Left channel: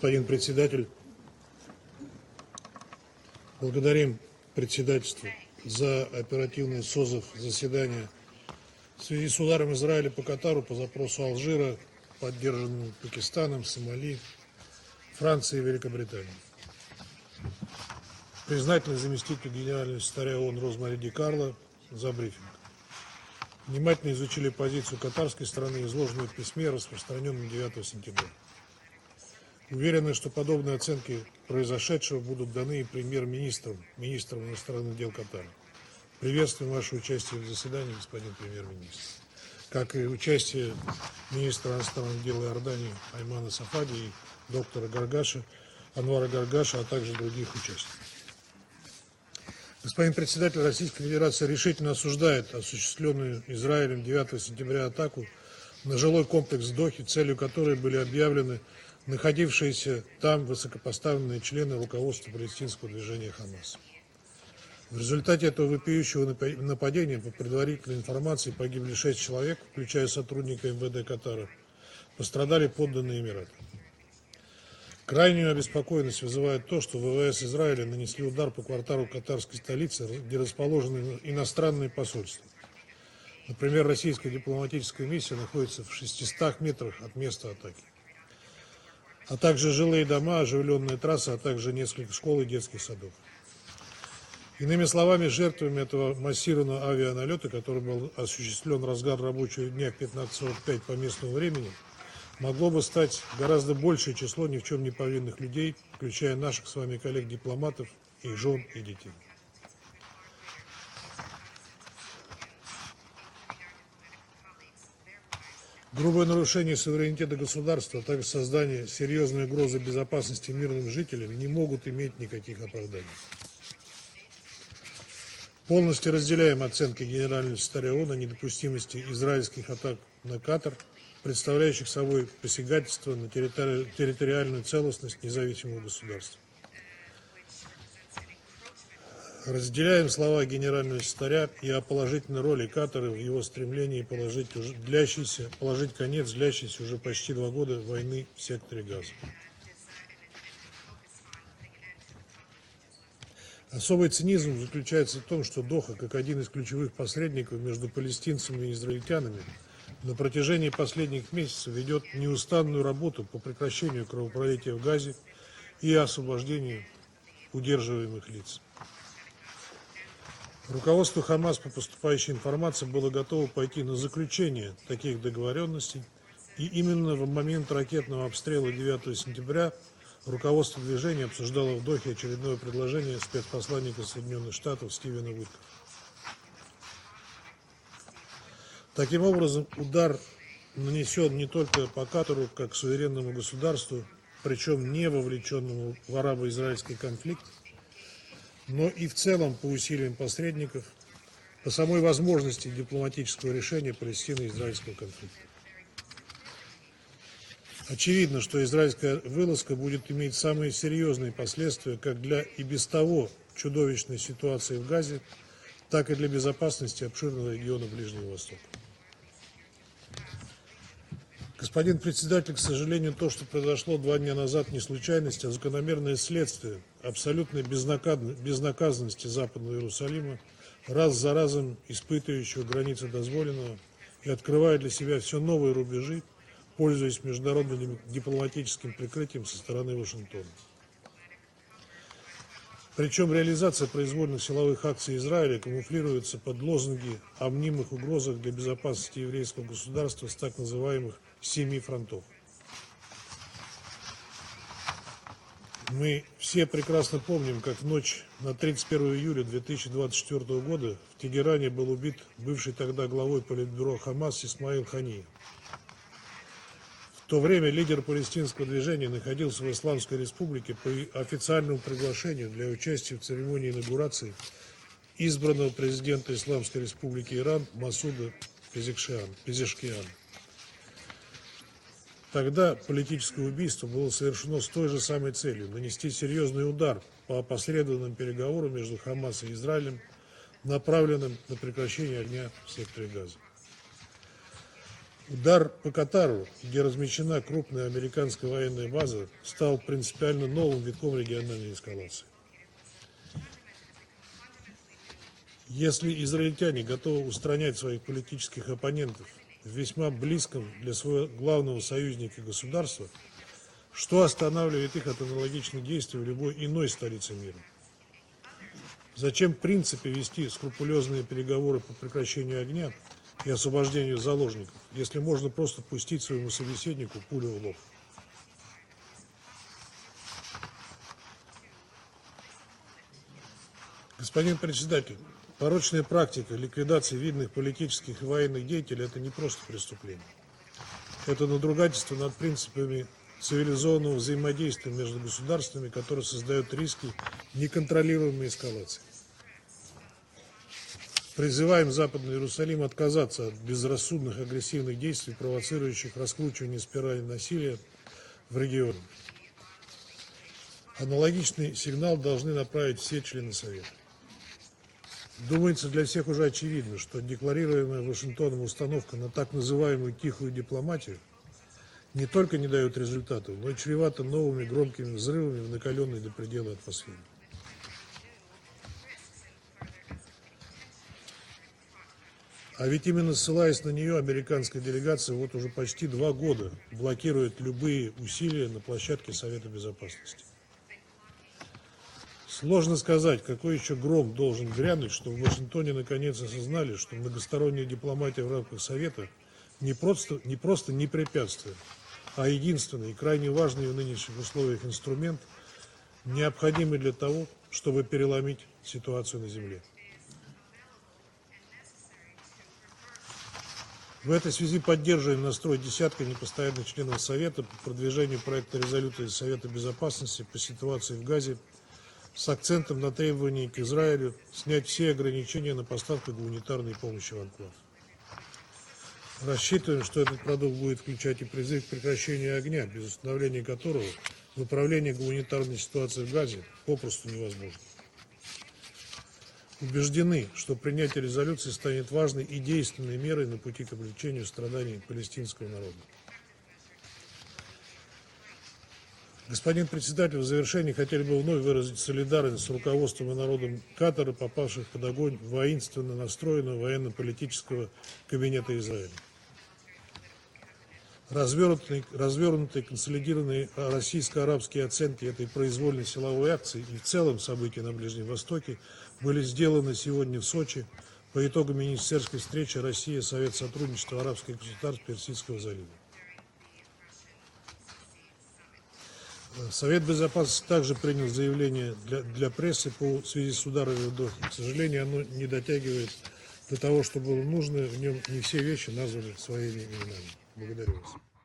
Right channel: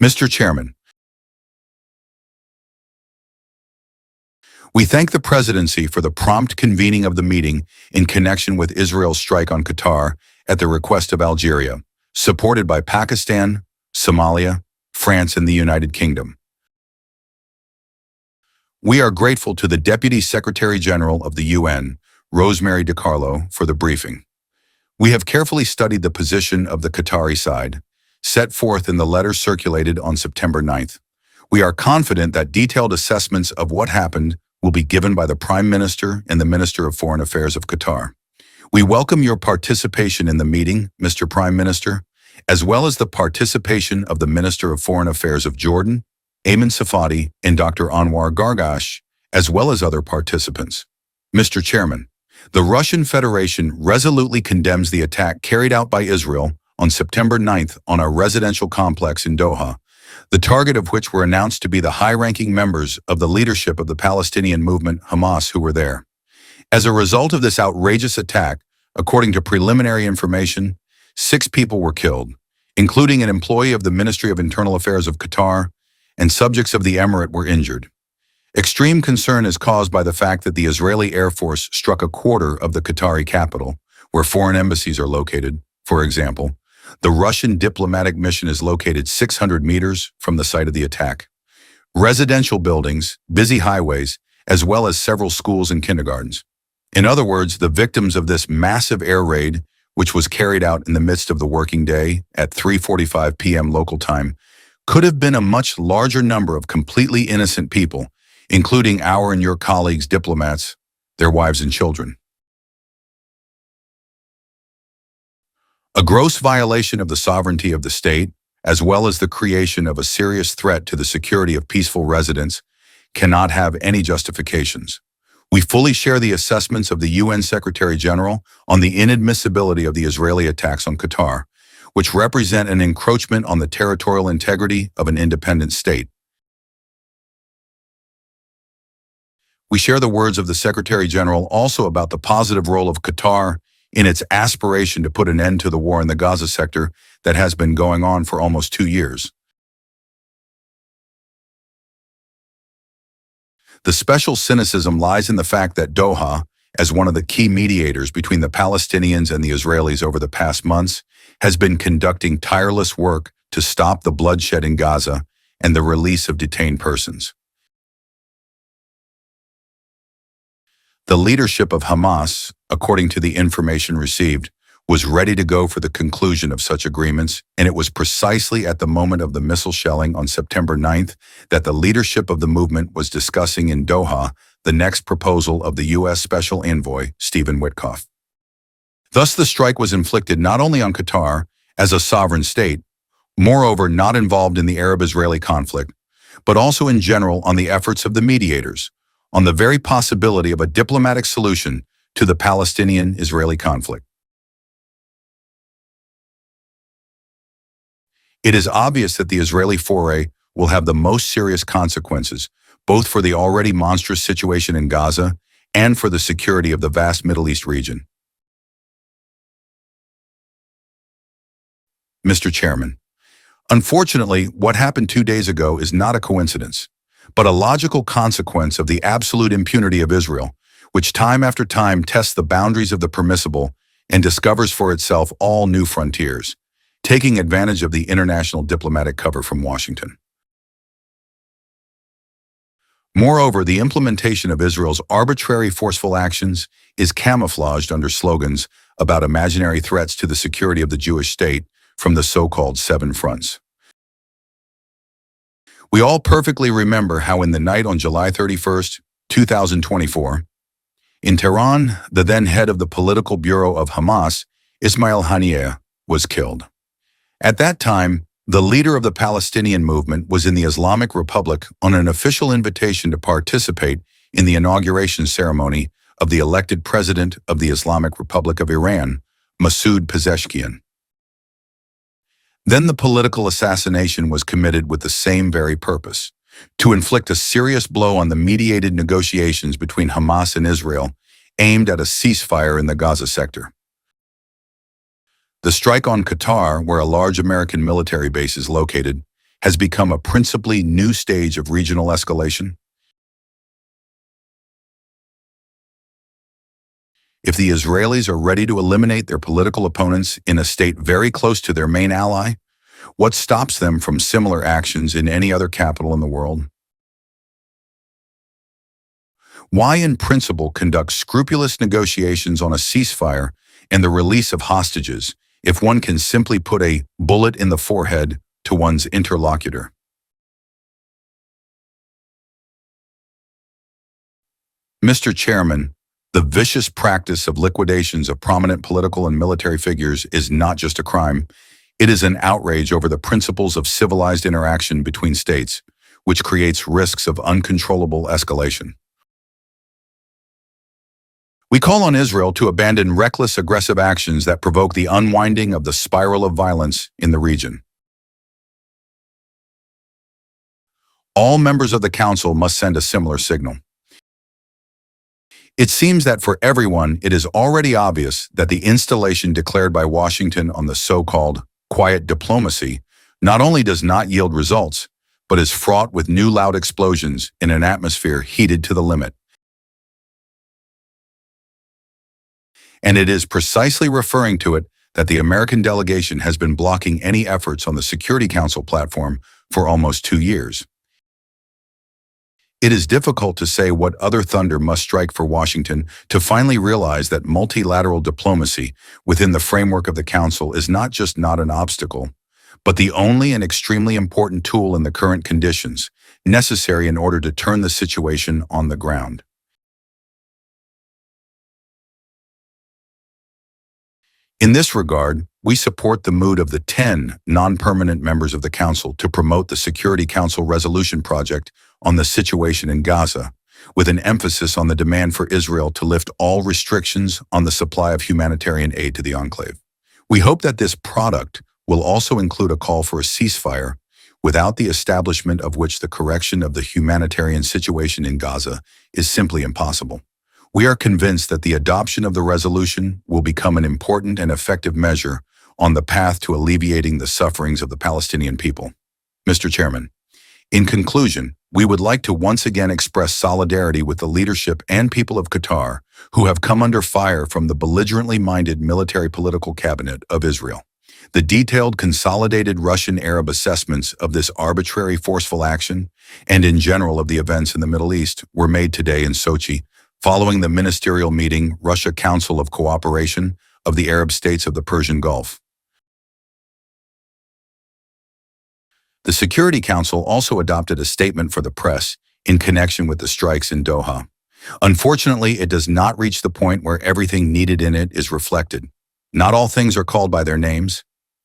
Mr. Chairman, we thank the Presidency for the prompt convening of the meeting in connection with Israel's strike on Qatar at the request of Algeria, supported by Pakistan, Somalia, France, and the United Kingdom. We are grateful to the Deputy Secretary-General of the UN, Rosemary DiCarlo, for the briefing. We have carefully studied the position of the Qatari side, set forth in the letter circulated on September 9th. We are confident that detailed assessments of what happened will be given by the Prime Minister and the Minister of Foreign Affairs of Qatar. We welcome your participation in the meeting, Mr. Prime Minister, as well as the participation of the Minister of Foreign Affairs of Jordan, Ayman Safadi, and Dr. Anwar Gargash, as well as other participants. Mr. Chairman, the Russian Federation resolutely condemns the attack carried out by Israel on September 9th on a residential complex in Doha, the target of which were announced to be the high-ranking members of the leadership of the Palestinian movement, Hamas, who were there. As a result of this outrageous attack, according to preliminary information, 6 people were killed, including an employee of the Ministry of Internal Affairs of Qatar, and subjects of the emirate were injured. Extreme concern is caused by the fact that the Israeli Air Force struck a quarter of the Qatari capital, where foreign embassies are located. For example, the Russian diplomatic mission is located 600 meters from the site of the attack. Residential buildings, busy highways, as well as several schools and kindergartens. In other words, the victims of this massive air raid, which was carried out in the midst of the working day at 3:45 p.m. local time, could have been a much larger number of completely innocent people, including our and your colleagues' diplomats, their wives and children. A gross violation of the sovereignty of the state, as well as the creation of a serious threat to the security of peaceful residents, cannot have any justifications. We fully share the assessments of the UN Secretary-General on the inadmissibility of the Israeli attacks on Qatar, which represent an encroachment on the territorial integrity of an independent state. We share the words of the Secretary-General also about the positive role of Qatar in its aspiration to put an end to the war in the Gaza sector that has been going on for almost 2 years. The special cynicism lies in the fact that Doha, as one of the key mediators between the Palestinians and the Israelis over the past months, has been conducting tireless work to stop the bloodshed in Gaza and the release of detained persons. The leadership of Hamas, according to the information received, was ready to go for the conclusion of such agreements, and it was precisely at the moment of the missile shelling on September 9th that the leadership of the movement was discussing in Doha the next proposal of the U.S. Special Envoy, Stephen Witkoff. Thus, the strike was inflicted not only on Qatar as a sovereign state, moreover not involved in the Arab-Israeli conflict, but also in general on the efforts of the mediators, on the very possibility of a diplomatic solution to the Palestinian-Israeli conflict. It is obvious that the Israeli foray will have the most serious consequences, both for the already monstrous situation in Gaza and for the security of the vast Middle East region. Mr. Chairman, unfortunately, what happened 2 days ago is not a coincidence, but a logical consequence of the absolute impunity of Israel, which time after time tests the boundaries of the permissible and discovers for itself all new frontiers, taking advantage of the international diplomatic cover from Washington. Moreover, the implementation of Israel's arbitrary forceful actions is camouflaged under slogans about imaginary threats to the security of the Jewish state from the so-called 7 fronts. We all perfectly remember how in the night on July 31st, 2024, in Tehran, the then head of the political bureau of Hamas, Ismail Haniyeh, was killed. At that time, the leader of the Palestinian movement was in the Islamic Republic on an official invitation to participate in the inauguration ceremony of the elected president of the Islamic Republic of Iran, Masoud Pezeshkian. Then the political assassination was committed with the same very purpose, to inflict a serious blow on the mediated negotiations between Hamas and Israel, aimed at a ceasefire in the Gaza sector. The strike on Qatar, where a large American military base is located, has become a principally new stage of regional escalation? If the Israelis are ready to eliminate their political opponents in a state very close to their main ally, what stops them from similar actions in any other capital in the world? Why, in principle, conduct scrupulous negotiations on a ceasefire and the release of hostages if one can simply put a bullet in the forehead to one's interlocutor? Mr. Chairman, the vicious practice of liquidations of prominent political and military figures is not just a crime. It is an outrage over the principles of civilized interaction between states, which creates risks of uncontrollable escalation. We call on Israel to abandon reckless, aggressive actions that provoke the unwinding of the spiral of violence in the region. All members of the Council must send a similar signal. It seems that for everyone, it is already obvious that the installation declared by Washington on the so-called quiet diplomacy not only does not yield results, but is fraught with new loud explosions in an atmosphere heated to the limit. And it is precisely referring to it that the American delegation has been blocking any efforts on the Security Council platform for almost 2 years. It is difficult to say what other thunder must strike for Washington to finally realize that multilateral diplomacy within the framework of the Council is not just not an obstacle, but the only and extremely important tool in the current conditions, necessary in order to turn the situation on the ground. In this regard, we support the mood of the 10 non-permanent members of the Council to promote the Security Council resolution project on the situation in Gaza, with an emphasis on the demand for Israel to lift all restrictions on the supply of humanitarian aid to the enclave. We hope that this product will also include a call for a ceasefire, without the establishment of which the correction of the humanitarian situation in Gaza is simply impossible. We are convinced that the adoption of the resolution will become an important and effective measure on the path to alleviating the sufferings of the Palestinian people. Mr. Chairman, in conclusion, we would like to once again express solidarity with the leadership and people of Qatar who have come under fire from the belligerently minded military political cabinet of Israel. The detailed, consolidated Russian-Arab assessments of this arbitrary, forceful action, and in general of the events in the Middle East, were made today in Sochi, following the ministerial meeting, Russia Council of Cooperation of the Arab States of the Persian Gulf. The Security Council also adopted a statement for the press in connection with the strikes in Doha. Unfortunately, it does not reach the point where everything needed in it is reflected. Not all things are called by their names,